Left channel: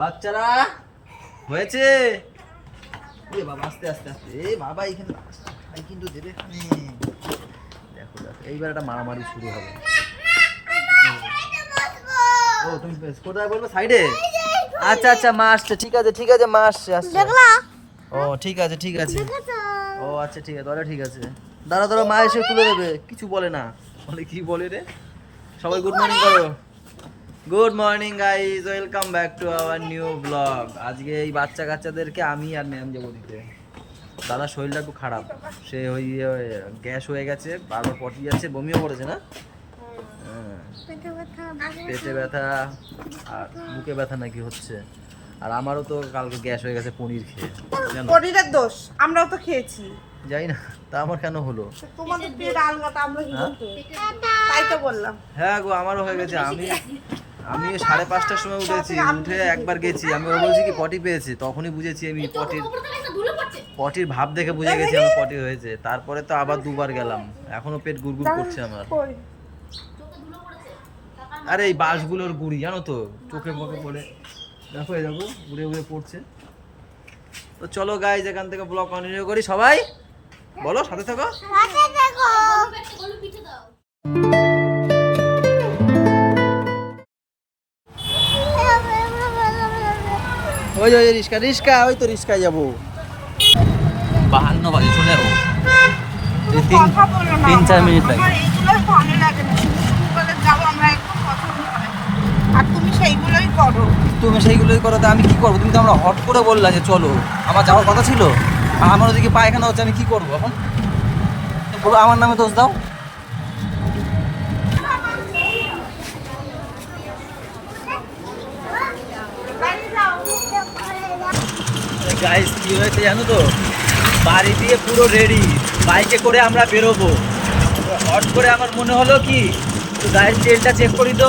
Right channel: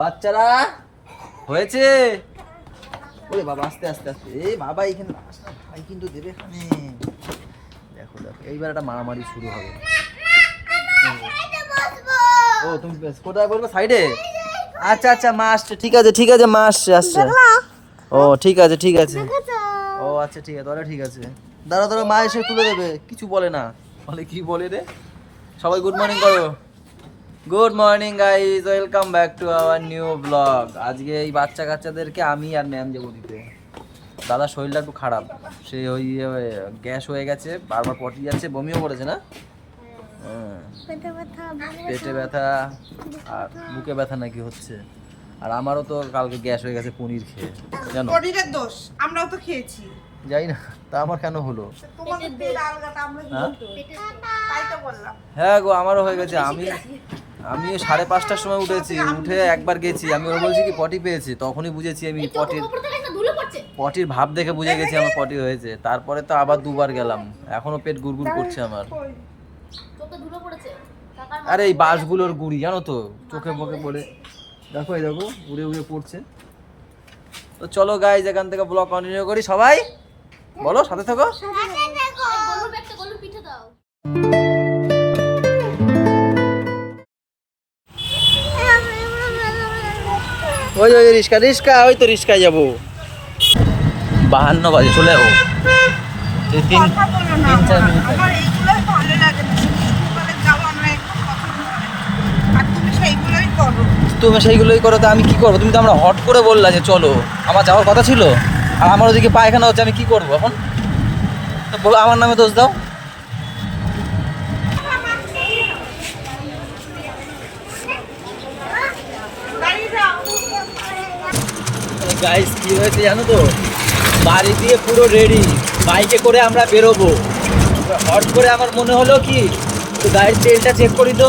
বাচ্চারা হয়েছে। ওরে বাবা, আস্তে আস্তে আস্তে। এই বাবা এখানে ভাই কিন্তু দেবে এখানে। দেখো দেখো, এইবার একটা মারামারি শুরু হবে। ও তুমি কোথায় বলবো? সাইডে? আচ্ছা আচ্ছা, মা আসছে। ঠিক আছে ঠিক আছে, মা আসছে আসছে। ও ঠিক আছে ঠিক আছে। ও আচ্ছা ঠিক আছে, তাহলে ঠিক আছে। দাঁড়া দাঁড়া, মা এসে তুলে দেবে। কিছু বলে না। বলে কি বলে রে? সবাই গুড মর্নিং করো। Good morning guys, welcome back to our new blog. আজকে এই বাচ্চা কাচ্চাদেরকে আমি আর ম্যাম যাবো দিতে। দাদার শরীরটা একটু খারাপ, সে ওই গ্যাস হয়ে গেছে, বারবার পটি যাচ্ছে, বমিও করেছে না? হ্যাঁ, পেটে ব্যথা আর বুকে ব্যথা নাকি হচ্ছে। আর আমারও তো কালকে গ্যাস হয়ে গেছে পনির খেয়ে, জানো? পনিরের দোষ, আমরাও তো খেয়েছি। যাই না, তা আমার কেন হলো? তাই তো বললাম। হ্যাঁ গো, আমারও হয়ে গেছে। আমি 5:30টার সময় উঠেছি, উঠে একবার গেছি। আমি ওরা বলছি কি পটি পেয়েছি, তখনই বুঝেছি আমি পটির ভাব দেখে বুঝে গেছি আমার পটি হয়েছে। তারপরে তো আবার দুবার গেলাম, এখনো পেট গুড়গুড় করছে আমার। আরে এই বাসগুলোর গুড়ি জানো তো, চোখে মুখে পড়ে। দেখো এই দেখো, উড়ে উড়ে পড়ছে। তো চলো গাইজ, এখান থেকে ব্লগ কন্টিনিউ করি। সবাই বলো, সাথে থাকো। ওই ওই রিস্কা রিস্কা, ওই তো রিস্কায় যাবো। 52 বাজে, চলে যাবো। এই 3-4 মিনিট লাগে। তুমি সেইগুলোই করো, তো আমি কি করবো? তুমি তো আমরা হট করে বললা যে চলো, আমার যাওয়ার কথা ছিল। আর আমার ওদিকে পায়খানা হচ্ছে, আমি কি করবো এখন? তো বলো, আমার নামে দোষ দাও। গাইস কি হয়েছে জানো তো, বাড়ি দিয়ে পুরো রেডি, বাইকে করে আমরা বেরোবো। হট করে আমার মনে হলো কি, গাড়ির তেলটা চেক করি তো।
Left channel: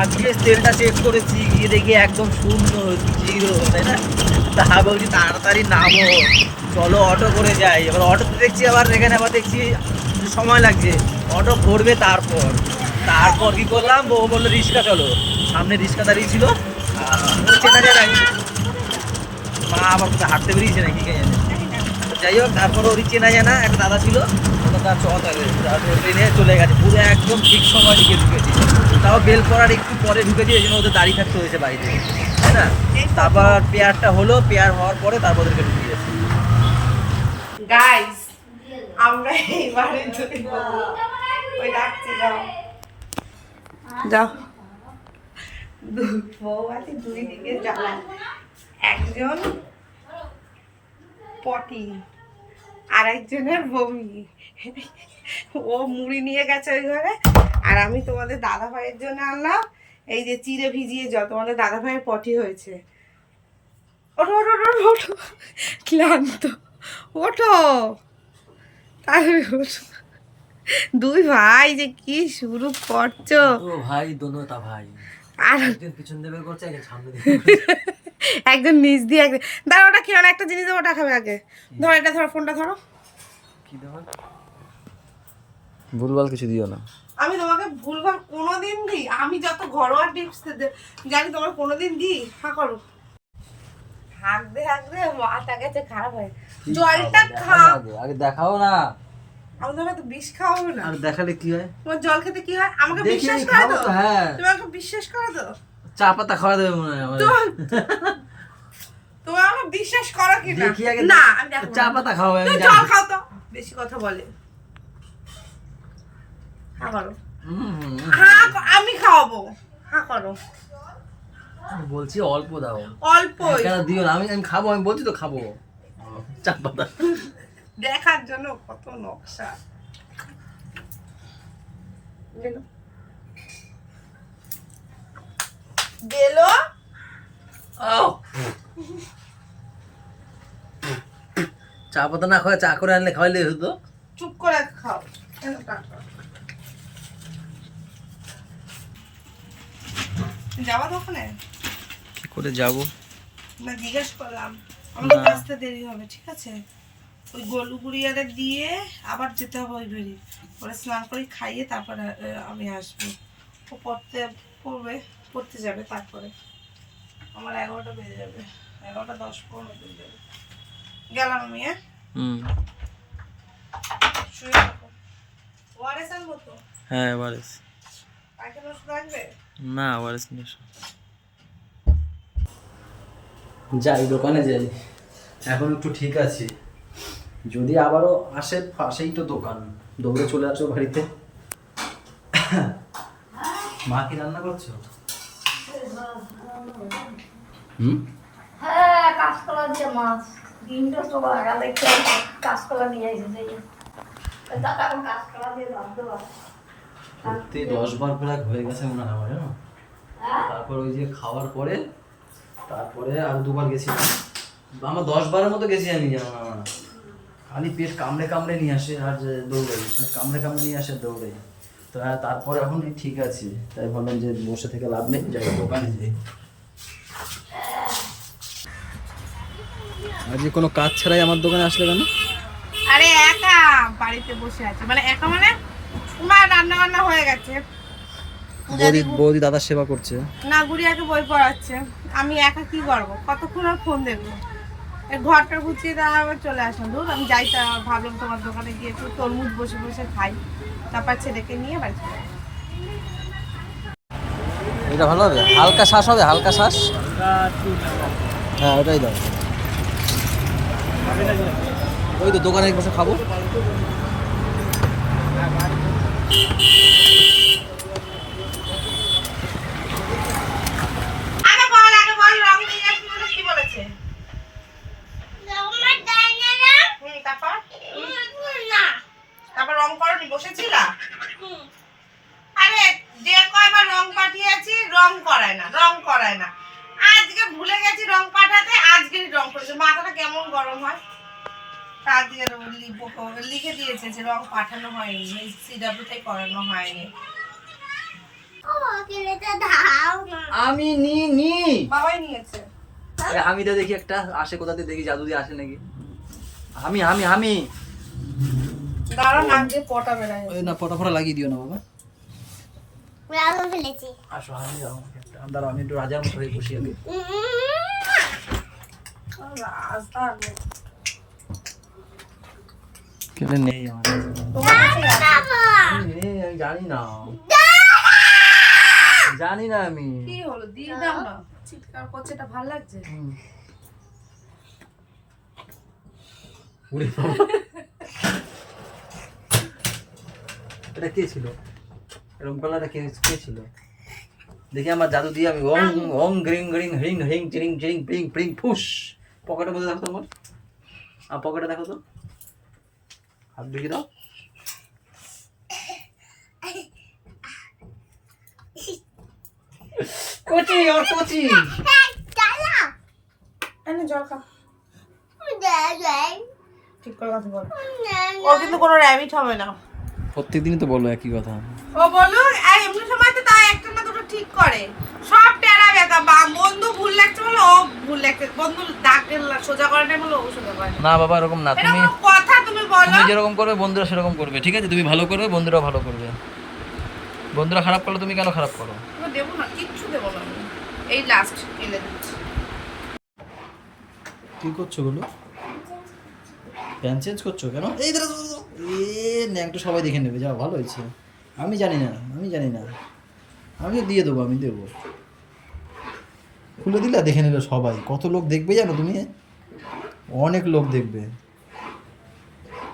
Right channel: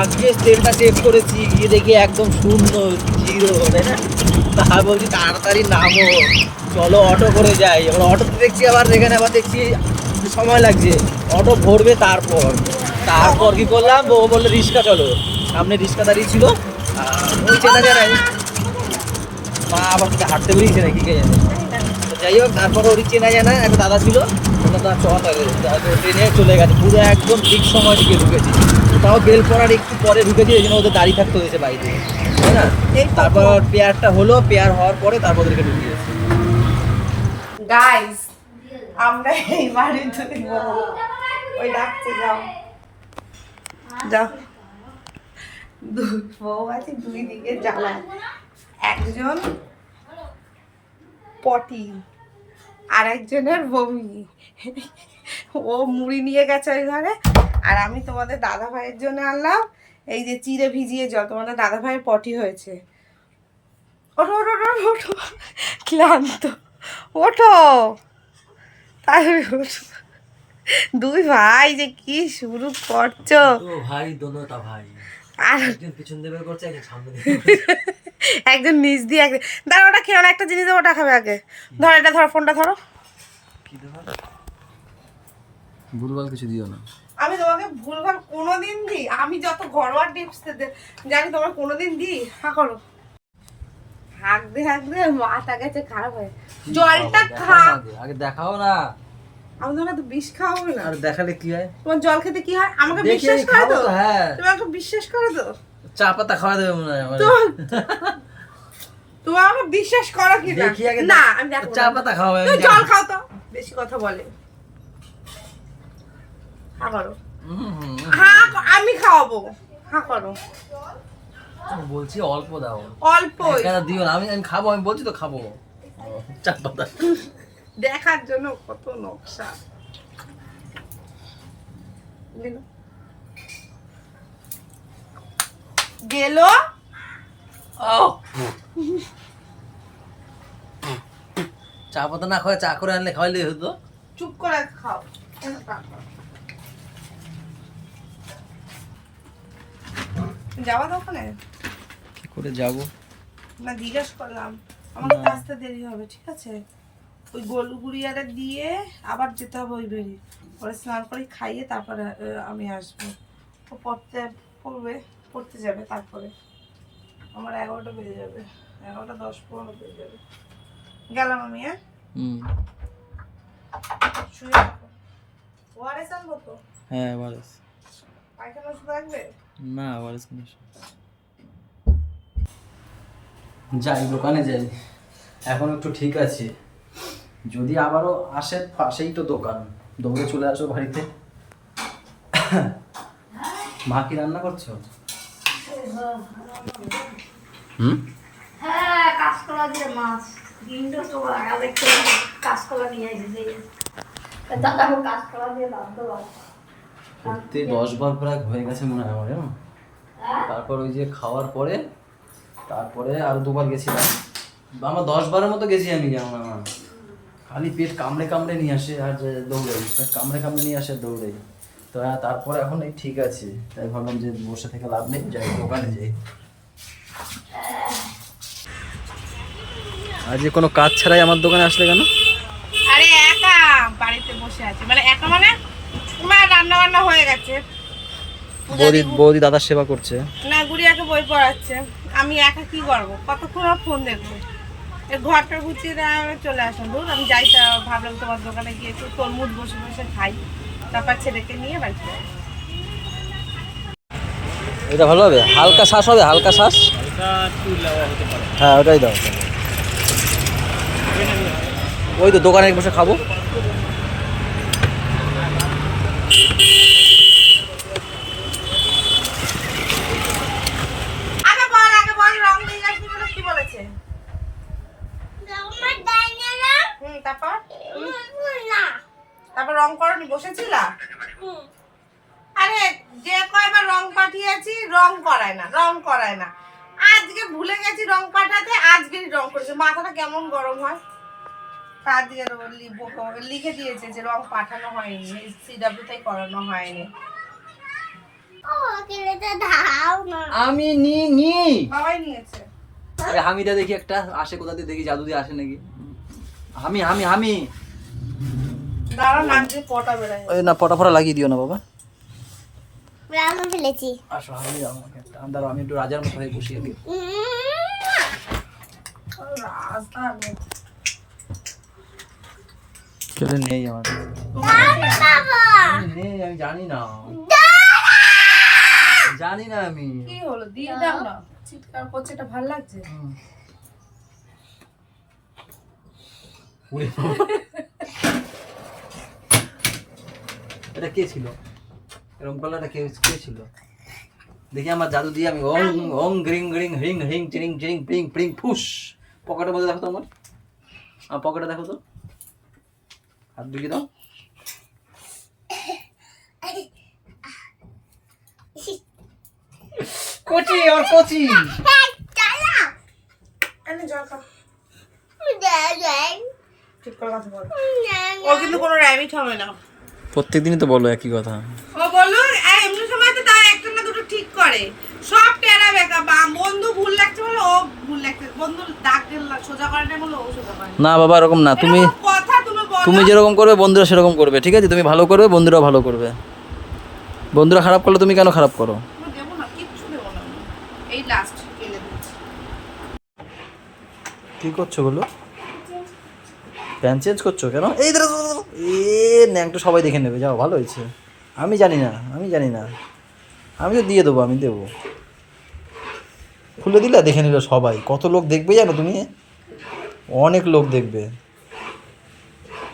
আজকে তেলটা চেক করেছি, গিয়ে দেখি একদম শূন্য, জিরো, তাই না? তা বলছি তাড়াতাড়ি নামো, চলো অটো করে যাই। এবার অটোতে দেখছি, আবার এখানে আবার দেখছি সময় লাগছে, অটো ভরবে। তারপর কি করলাম, ও বললো রিক্সা চলো। সামনে রিক্সা দাঁড়িয়ে ছিল, ও চেনা যায় নাই। মা আবার তোকে হাঁটতে বেরিয়েছে নাকি কে জানে। যাই হোক, তারপরে ওরই চেনা জানা একটা দাদা ছিল, তার ট্রেনে চলে গেছে পুরো একদম ঠিক সময় দিকে ঢুকেছি। তাও বেল পড়ার একটু পরে ঢুকেছি, এই জন্য ওদের দাঁড়িয়ে থাকতে হয়েছে বাড়িতে, তাই না? তারপর পেয়ারটা হলো, পেয়ার হওয়ার পরে তারপর ওদেরকে ঢুকে গেছে। গাইস, আমরা এই বাড়ির দুই বউ, ওই ডাকছে, যাও যাও। দুই বউ আছে, দুই দিকে জ্বালা। একজন পটি, আর একজনের বমি। ও মুড়ি নিয়ে গেছে ওই ঘরে, আর আমি তোমাদের দাদা ভাইয়ের জন্য আনলাম এই যে চিড়ে ভিজিয়ে জল। তোমাদের দাদা ভাইয়ের পটি হয়েছে। ওঠো ওঠো ওঠো ওঠো, ক্লান্ত, ওঠো তাহলে ওঠো। দুই ভাই যে কি শুরু করছো। ভাই দোনো তা ভাই, আর একজন পিছন দেবে করছে, একজন সামনে দেবে। একজন নিচ দিয়ে একজন, দাঁড়া ওটা খেও না, একটা জিনিস ওটা খাবে আগে। ধরো এটা, ধরো ফোনটা ধরো। কি দেওয়া? ভুলভাল কিছু দিও না। আমি তোমাকে ভুলভাল কোনোদিন দিই? আমি যত ঘরোয়া টিপস জানি তোমার কোনোদিন দিই? হ্যাঁ করো, হাঁক দে মাথা গেছে খারাপ হয়। জলটা খা, আগে দেখাও না। আমি তোমাকে তো বিষ খাওয়াবো না। আর দেখালে কি হয়? তোমার জল খেতে কি হয় আমাকে দেখে বিশ্বাস করে খাবো তো? তো। হ্যাঁ, তুমি আমাকে বিশ্বাস করে তো? চা পাতা খাওয়া দেবে মনে হয় আমার। তুমি আমাকে বিশ্বাস করো কি না? দেখি আগে না, আমি দেখো চা পাতা খাওয়াবে, আমি জল জানি। খাও তো, বেশি কথা বলে। হ্যাঁ করো, হ্যাঁ আমি খাওয়াবো, হ্যাঁ করো। আমি বলছি অল্প দাও, অল্প একা দিও না। আমি খাবো, আমি বলছি তো খাবো। চা পাতা দেখার জন্য কত নকশা। গেল চা পাতা না খাওয়া, চা করে আনলে খাওয়াইলে হতো। চুপ করে খাও। যাওয়া দোকানে কি করে যাবো না, জিজ্ঞেস করলাম। আমাকে আসতে দেরি হবে, ঠিক আছে? ওই গলু গুড়িয়াটা দিয়ে আবার যেতে হবে ওই বেরি, পরে স্নান করে খাইয়ে তারপরে আমি আসবো। ও পড়তে যাবে, তারপরে আমার 11টা বেজে যাবে, 11টা 10-15 বেজে যাবে। গেলাম আমি। হ্যাঁ শুয়ে থাকো। ওআরএস আনবো তো? হ্যাঁ ওয়ারেস। পায়খানা ওষুধ লাগবে? না ওয়ারেস নিয়ে এসো। যাই দোকানে যাই, এখন একটু ঠিক আছি। যদি আবারও আসে, পাশেই তো দোকান, দৌড়ে চলে আসো বাড়িতে। মা কি রান্না করছো? হ্যাঁ, কাঁচকলা দিয়ে মাছ। দিনটা তো আগে কাঁচকলা নিয়ে এসেছে। দাদা এখন কাঁচকলা দিয়ে রাঁধতে পারে। করতে 10 বার প্রায় হয়ে গেছে মনে হয় আমার, জানো। তারপর ওই যে খাওয়ার পরে, তারপরে আর 2 বার গেছিলাম। আমার 10 বারের মতো গেছি আমি, যেমন আমার খালি পেট কামড়ে কামড়ে নিয়ে আসে আর দৌড়াই, কামড়ে কামড়ে নিয়ে আসে দৌড়াই। তো তারপর এখন এই ঠিক আছে, তাই ভাবলাম যে বসে থেকে লাভ নেই, যাই দোকানে যাই। আজ কোনো কাজ ছাড়াই আমার দোকানে আসলে কেন? আরে একা বাড়িতে বসে আছে, মানে একা মানে তোমার রান্না বান্না হয়ে গেছে, বৌদি দাদার সেবা করছে। না গুড়িয়াকে বই পড়াচ্ছে, আমি একা কি করবো, কতক্ষণ আর ফোন দেখবো। এই ঘরটা গুছিয়ে দেওয়া আবার চলে আসুন, ধর আমি যাই। তা ভাবলাম তোমার দোকানে গিয়ে একটু তরমুজ বসে বসে খাই, তারপর ছেলেকে নিয়ে বাড়ি যাবো। এটা ভালো হবে, হালকা শ্বাস হবে, হালকা শ্বাস, হ্যাঁ ওটাই দাও। ওই তো দোকানে বসে খাবো। আগে বল রং নিয়ে আসবি বলে কি বলেছে? তারপর রং করনি, বসেছিলা? আরে যে কয়বার রং পাঠিয়েছি রং করায় না। আজকে ভুলে গেছি রং পাঠাতে, আজকেরই রং করেছে। মাথাটা কেমন গরম হয়। তার দিকে লিখে দিয়েছে যে রং পাঠানো হয়নি, সিডব্লিউ তাই করানো হয়নি। আমি নি বাবাই নিয়েছে। আরে হামিটা দেখি একটা আসে, কোথা থেকে দেখি, জাদু দিয়ে আসে নাকি। হামি দাঁড়াও, নাক দিয়ে পটা বেরায়। ওই না, পটা লাগিয়ে দিও না বাবা। রান্না ফেলেছি। আসো হামি দাও আমাকে একটা। দাঁড়াও আমি একটু রাজার মতো হয়ে বসি আগে। কেলে নেই আমার, নেই, আমি জানি না আমি। কি হলো, দিয়ে দাও না। চিৎকার করছে, এটা ভালো লাগছে। উড়ে বাবা। এটা কে ছিল? এরকম কালারটা কে ছিল? দেখি আমার জাদু দিয়ে আমি ওং ওং গ্রিং গ্রিং হ্রিং হ্রিং চিরিং চিরিং প্রিং প্রিং ফুস। পকেটের মধ্যে দেখো তো আমার পকেটে দেখো তো, হাত ঢুকে দাও। কচি আমার কচি। এনে জল খা। ঠিক করে কথা বল। ও কিন্তু কোনো র্যাবিট হবে না। প্রত্যেকদিনই তো বলো একই কথা। ও বলো আর এমনি সময় তো তাই একটা না দুটো ঠিক করে। সব টেরা বেকা, বন্ধু ভুল লাগছে বলে ও ভুল লাগছে, বন্ধু ডাকে সোজা করে না বলে ও সোজা করে না বাবা এরকম না, তুমি কথা তুমি বলো। তুমি যেরকম করবে বন্ধুরা সেরকম করবে, ঠিক আছে? তুমি ভালো করবে, বন্ধুরাও ভালো করবে। বন্ধুরা খারাপ করলে তুমি কেন খারাপ করো? দেবো না, কিচ্ছু দেবো না, এই লাস্ট ফেলে দিচ্ছি। কি করছো বলো? প্যান চেঞ্জ করছো কেন? এই ন্যাংটো সবাই দেখে নেবে, যাও ভালো হয়েছে। আমি জানি না আমি তো দিয়ে দেবো, আমি দেবো। খুলে দিলে দেখে নিল সবাই। কত লোক দেখবে জানো তুমি? অনেক লোক দেখবে।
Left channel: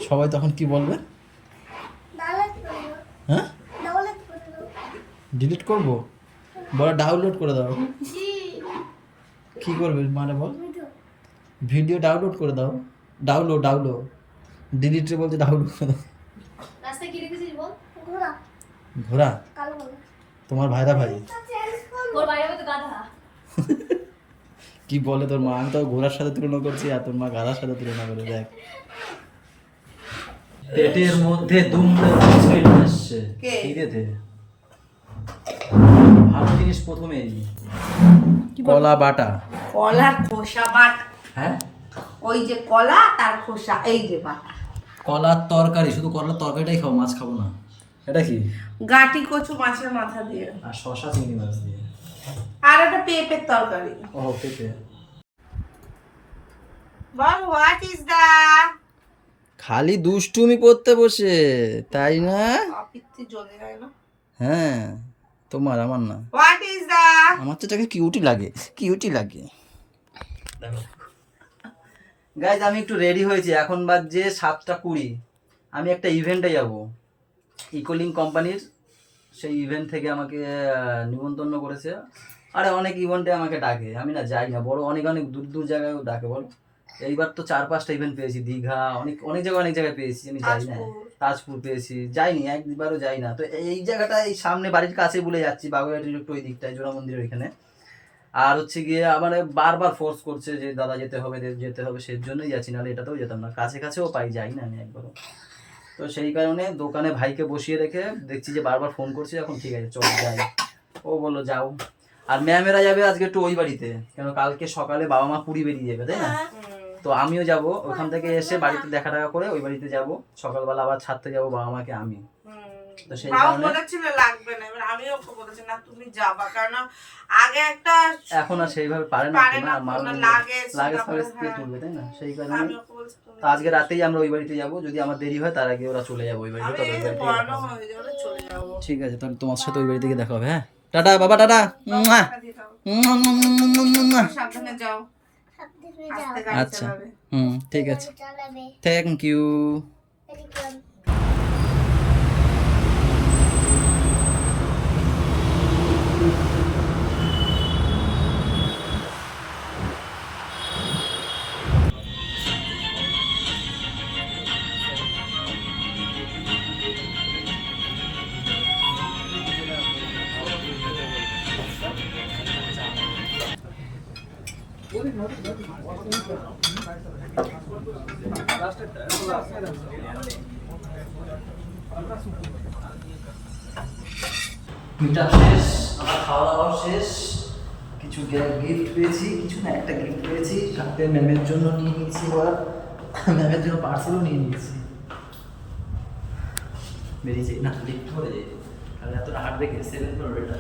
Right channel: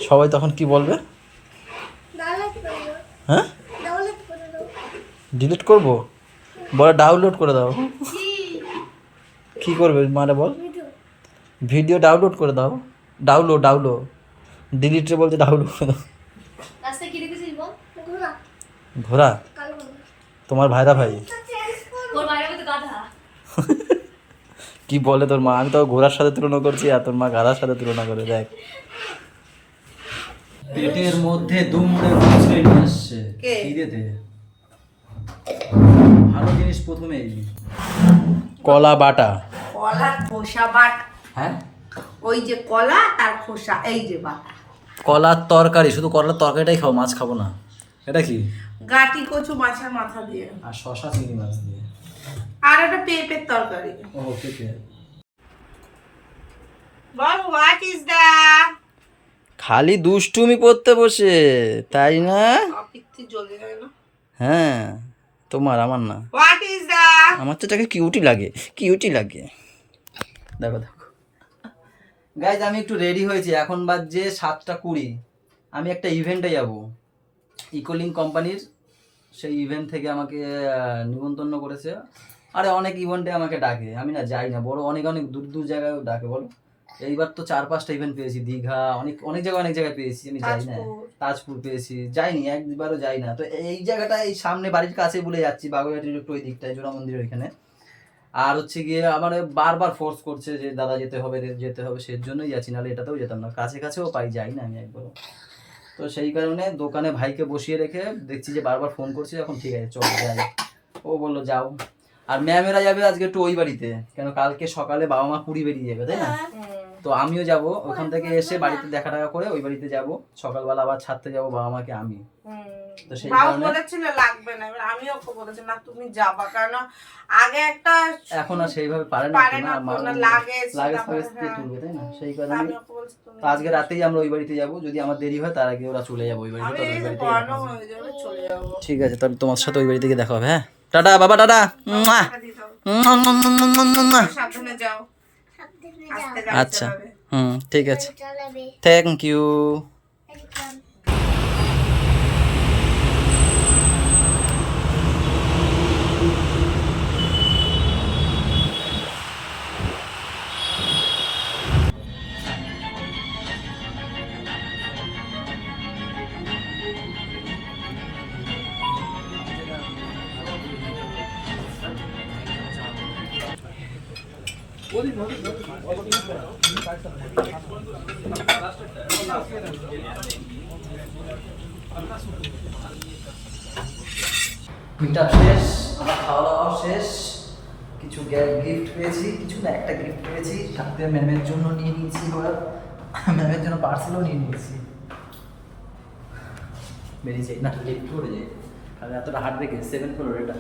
সবাই তখন কি বলবে? হ্যাঁ ডিলিট করবো? বলে ডাউনলোড করে দাও। কি করবে মানে বল? ভিডিও ডাউনলোড করে দাও। ডাউনলোড ডিলিটে বলছে ডাউনলোড করে দাও। রাস্তায় কি দেখেছিস বল? ঘোড়া? তোমার ভাইরা ভাই ওর বাইরে তো গাধা। কি বলে তোর মা? আমি তো ঘোড়ার সাথে তুলনা করছি আর তোর মা গাধার সাথে তুলনা করে। দেখ পেটের মধ্যে দুমড়ে মুচড়ে নিয়ে আসছে খিদেতে। ভালো জিনিস প্রথমেই কলা বাটা। কলার খোসা বাট। হ্যাঁ ওই যে কলা তার খোসা, এই যে বাটা। কলার তরকারি, শুধু কলার তরকারিটাই খাও, মাছ খাবো না। এটা কি? গাটি কচু মাছের মাথা দিয়ে আর শশা চিংড়ি মাছ দিয়ে। আর একটা পেঁপের তরকারি। ও পেঁপে। বল হোয়াট ইজ দ্যাট? খালি দুষ্টুমি করতে বসে, তাই না? কপিতে জ্বলে যায় না। হ্যাঁ, তোমার, আমার না। What is that? আমার তো এটাকে কিউটি লাগে, কিউটি লাগে। দেখো দেখো গাইজ, আমি একটু রেডি হয়েছি, এখন বাজছে 7:20। আমি একটা ইভেন্টে যাব, ইকোলিং কোম্পানির। সেই ইভেন্ট থেকে আমাকে নিমন্ত্রণ করেছে। আরে অনেক ইভেন্টে আমাকে ডাকে, আমি না যাই না, বড় অনেক অনেক দূর দূর জায়গায় ডাকে বলো। এইবার তো 4-5টা ইভেন্ট পেয়েছি, দীঘা, অনেক অনেক জায়গায় পেয়েছি, আমি যাই না। তাজপুর পেয়েছি, যাইনি, একবারও যাই না। তো এই জায়গাটা এই সামনে বাড়ির কাছে বলে যাচ্ছি, বাগুইহাটির একটু ওই দিকটায়, জোড়া মন্দিরের ওইখানে। আর হচ্ছে গিয়ে আমার বারবার ফোর্স করছে যে দাদা যেতে হবে যেতে হবে, সেই জন্যই যাচ্ছি, নাহলে এটাতেও যেতাম না। কাছে কাছেও পাই, যাই না আমি একবারও। তো সেই কারণে দোকানে ভাইকে বসিয়ে রেখে দেখছি যে বারবার ফোন করছে, এখন ঠিক আছে চল যাই। ও বললো যাও। আর ম্যামেরা যাবে আজকে একটু ওই বাড়িতে, কেন কালকে সকালে বাবা মা পুরী বেরিয়ে যাবে, তাই না? তো আমিও যাব, ওখান থেকে এসে বাড়িতে দেখা টাকা করে ওই বাড়িতে যাব, সকালবেলা আবার ছাড়তে যাব বাবা মাকে আমি। তো সেই কারণে বলেছিল লাগবে না, এবার আমিও ওকে বলেছি না তুমি যাবা, কারণ আগে একটা এখন আর সেইভাবে পারে না তো, না মাল লাগেজ দিয়ে তুলবে, তাই না? সেই কারণে তো আজকে রাতেই আমরা ওই বাড়িতে যাব, যদি আমার দেরি হয় তার আগে ওরা চলে যাবে ওই বাড়িতে, তাহলে ওই বাড়িতে চলে যাবো। ঠিক আছে, তাহলে তোমার সাথে ওই বাড়িতে গিয়ে দেখা হবে। হ্যাঁ, টাটা বাবা, টাটা। সাবধানে যাও। আচ্ছা, ঠিক আছে, থ্যাংক ইউ। মিট আপ শেষ, আমার খাওয়া দাওয়া শেষ, কিছু গিফট পেয়েছি, কিছু না একটা গিফট পেয়েছি, সাথে ম্যামের জন্য নিয়ে নিয়েছি, এবার ম্যামের জন্য পার্সেলও নিয়ে নিয়েছি। বেরিয়েছে না, লিফট করে যাই, আর এতটা হার্ড ব্রেকে 7 ফ্লোর, এটা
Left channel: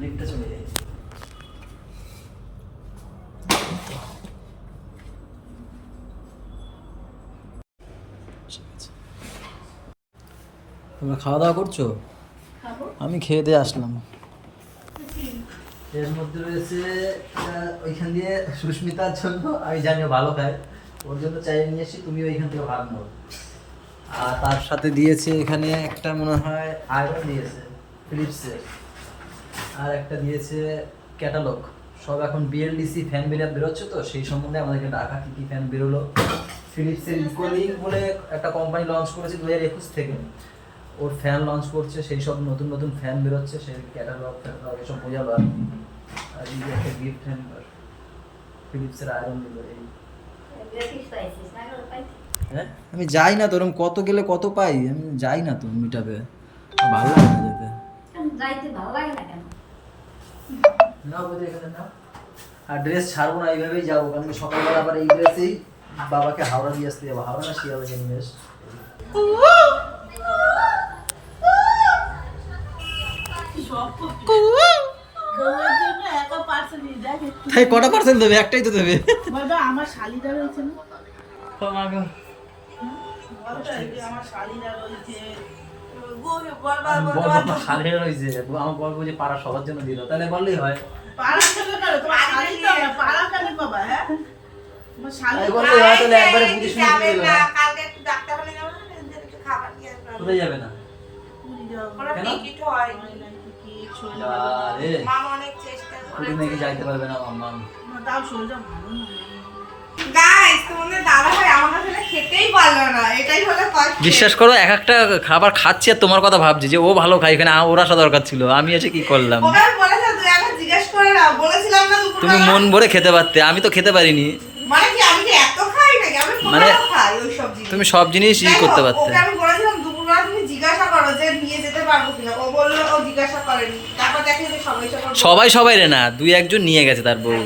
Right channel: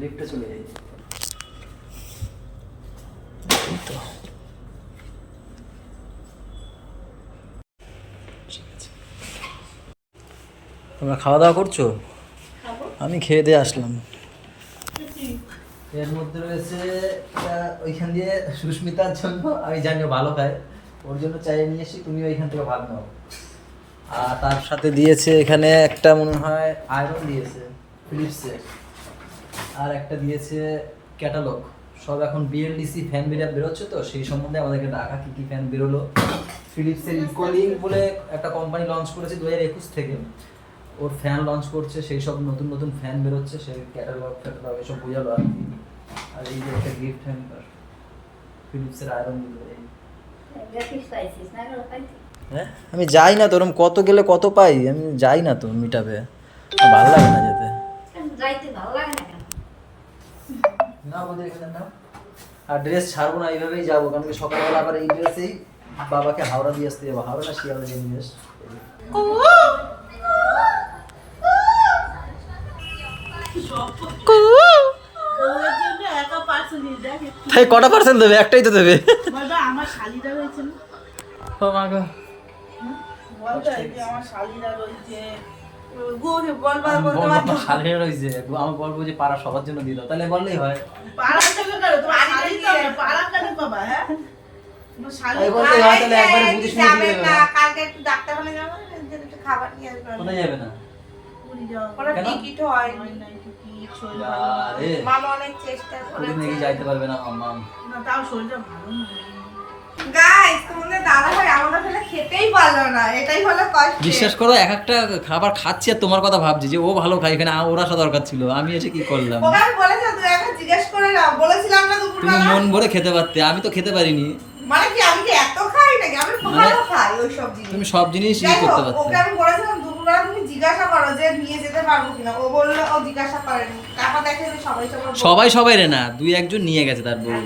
লিফটে চলে যাই। তোমরা খাওয়া দাওয়া করছো? আমি খেয়ে দিয়ে আসলাম। এর মধ্যে রয়েছে ওইখান দিয়ে সুস্মিতার জন্য, আমি জানি ভালো খায়, ওর জন্য চাই নিয়ে এসি, তুমি ওইখান থেকে ভাত নাও। আর তার সাথে দিয়েছে এখানে একটা মনে হয় আয়রন দিয়েছে ফিলিপসের, আর একটা দিয়েছে ক্যাটালগ। সব এখন বিএলডিসি ফ্যান বেরোচ্ছে, তো সেই সম্বন্ধে আমাদেরকে ডাকা, কী কী ফ্যান বেরোলো। ফিলিপসের ইকোলিং বলে একটা কোম্পানি লঞ্চ করেছে 2021 থেকে, ওর ফ্যান লঞ্চ করছে, সেই সব নতুন নতুন ফ্যান বেরোচ্ছে, সেই ক্যাটালগ এসব বোঝালো। আর এই যে একটা গিফট হ্যাম্পার, ফিলিপসের আয়রন দিল। এই হ্যাঁ, আমি যাই না তো, ওরকম কত গেলে কত পাই, আমি যাই না তো মিটাবে, ভালো লাগে না যেতে। যাইতে ভালো লাগে না কেন? না বোধ এখানে নাও। আর ড্রেস ছাড়বো না, এইভাবেই যাবো, কারণ সকালবেলা আবার এই ড্রেসেই বাবাকে হাওড়া দিয়ে আসতে যাবো, হাওড়া না শিয়ালদা নিয়ে আসতে। তাই কটা পার্সেল দেবে? একটাই তো দেবে। আমার শালিরা রয়েছে না, ও মা গো, আমার শালিরা রয়েছে, বলবো আমার শালিরা রয়েছে, আমার বলবো যে পাড়া সবার জন্য দিয়ে দাও, তাহলে বললেই হয়। তাই বললেই হয়, তাহলে একবারে বুঝে শুনে দিয়ে দেবে না। কোথায় যাবে না? কেন? পুরী নাকি যাইতে পারবে না মাম্মা। বিশ্বাস করো, এক একটা খাবার খাচ্ছি আর তোমার কথা ভাবছি যে ও ভালো খায়, এখানে ওর আসা দরকার ছিল, আমি এসে কি করলাম? তুমি মন ভরে খেতে পারতে, আমি তো খেতে পারিনি। মানে তুমি সব জিনিস ই করতে পারতে। সবাই সবাই রে না, 2-1 নিয়ে গেছে তার বউ।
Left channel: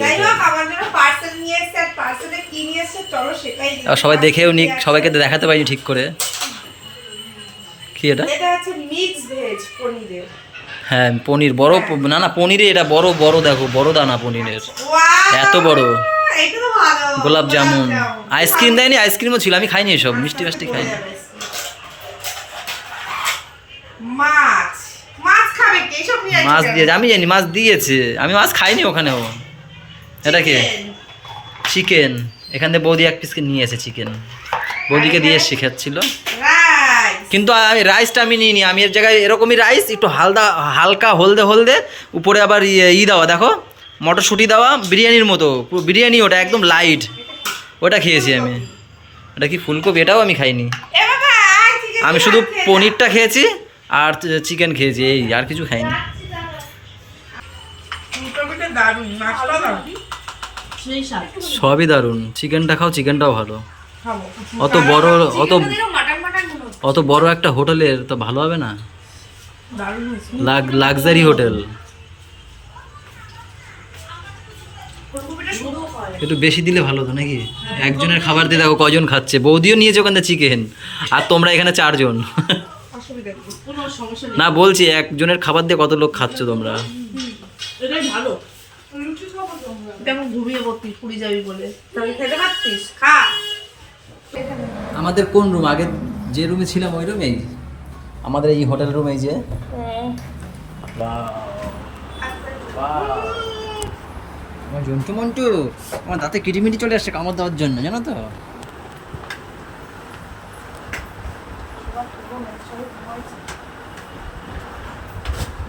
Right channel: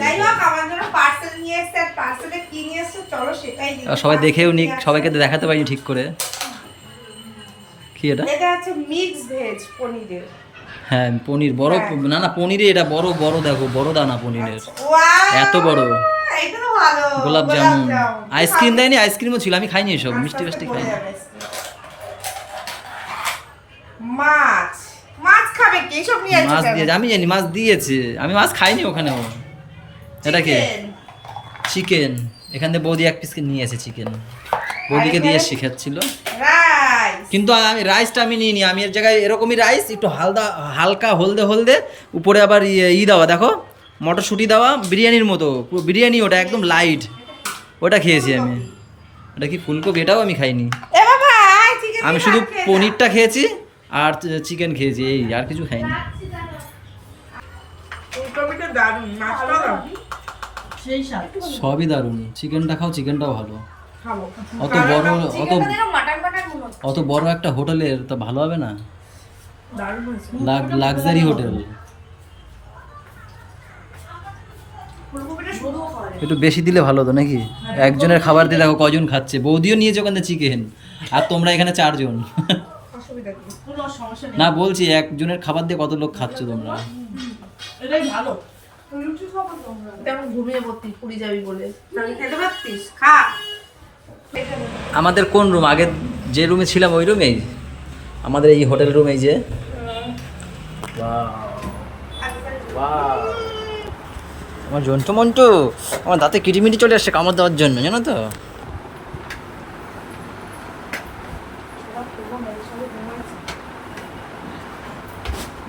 সবাই দেখেও নিক, সবাইকে দেখাতে পারিনি ঠিক করে। কি এটা? হ্যাঁ পনির বড়, না না পনিরে এটা বড় বড়, দেখো বড় দানা পনিরের, Wow! এত বড়। এইটা তো ভালো। গোলাপ জামুন, আইসক্রিম দেয়নি, আইসক্রিমও ছিল, আমি খাইনি এসব, মিষ্টি ফাষ্টি খাইনি। মাছ, মাছ খাবে কি? এইসব নিয়ে আসছে মাছ কেন? দিয়েছে, আমি জানি মাছ দিয়েছে, আমি মাছ খাইনি ওখানেও। এটা কি? Chicken. চিকেন, এখান থেকে বৌদি এক পিস নিয়ে এসে চিকেন, বৌদিকে দিয়ে শেখাচ্ছিল। Rice. কিন্তু আমি রাইসটা আমি নিইনি, আমি এর জায়গায় এরকমই রাইস একটু হালকা হলদে হলদে, উপরে আবার দেওয়া, দেখো মটরশুঁটি দেওয়া, বিরিয়ানির মতো পুরো বিরিয়ানি, ওটা একদম লাইট, ওটা খেয়েছি আমি। ওটা কি ফুলকপি? এটাও আমি খাইনি, এ বাবা, chicken আমি দিয়ে শুধু ভাত খেয়ে পনিরটা খেয়েছি আর চিকেন খেয়েছি, এই আর কিছু খাইনি। যা। ফুলকপিটা দারুণ, মাছটাও দারুণ। সবই দারুণ, চিকেনটা খাও, চিকেনটাও ভালো। খাবো। অত বড়, অত মাটন মাটন মনে হচ্ছে। অত বড় একটা হোটেলের তো ভালো হবে না, দারুণ হয়েছে। লাক্সারি হোটেল, ফুলকপিটা শুধুও খাওয়া যায়। একটু বেশি দিলে ভালো হতো নাকি? একজনের খাবার দিয়ে দেখো কজন খাচ্ছে, বৌদিও নিয়েছে ওখান থেকে চিকেন, আর তোমরা এখানে 4 জন। অসুবিধা কি? কোনো সমস্যা নেই। না বলছি একজনের খাবার দিয়ে কত লোক খাচ্ছ তোমরা। এটাই ভালো। কেমন ঘুমিয়ে পড়তি পুরী যাবি বলে? তাহলে খেতে পারতিস? খা। আমাদের কোন রুম? আগে যে রুমে ছিলাম ওই রুমেই, আমাদের এই হোটেল রুম, এই যে আমার জন্টু মন্টু, আমার দাঁতে কিটিমিটি চলে আসছে কামড় দেওয়ার জন্য, জানো তো।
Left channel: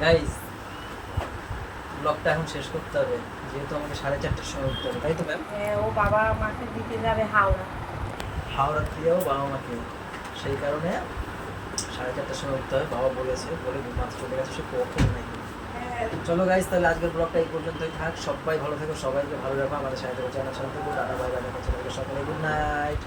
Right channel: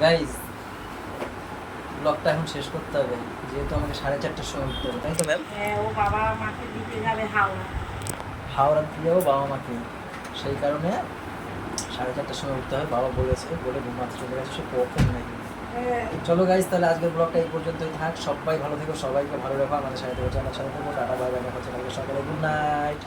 গাইস ব্লগটা এখন শেষ করতে হবে, যেহেতু আমাকে 4:30টার সময় উঠতে হবে, তাই তো ম্যাম? হ্যাঁ, ও বাবা মাকে দিতে যাবে হাওড়া। হাওড়া দিয়ে যাবো বাবা মাকে, সেই কারণে 4:30টার সময় উঠতে হবে, বাবা বলেছে, বলে ঘুমাতে চলে গেছে, সে কখন নাকি। হ্যাঁ। চলো গাইস, তাহলে আজকের ব্লগটা এই পর্যন্তই থাক, সবাই ভালো থেকো, সবাইকে ভালো রাখো, আমাদের সাথে থেকো, চ্যানেল সাথে থেকো, টাটা বাই বাই, দেখা হচ্ছে কালকে সকালে, গুড নাইট।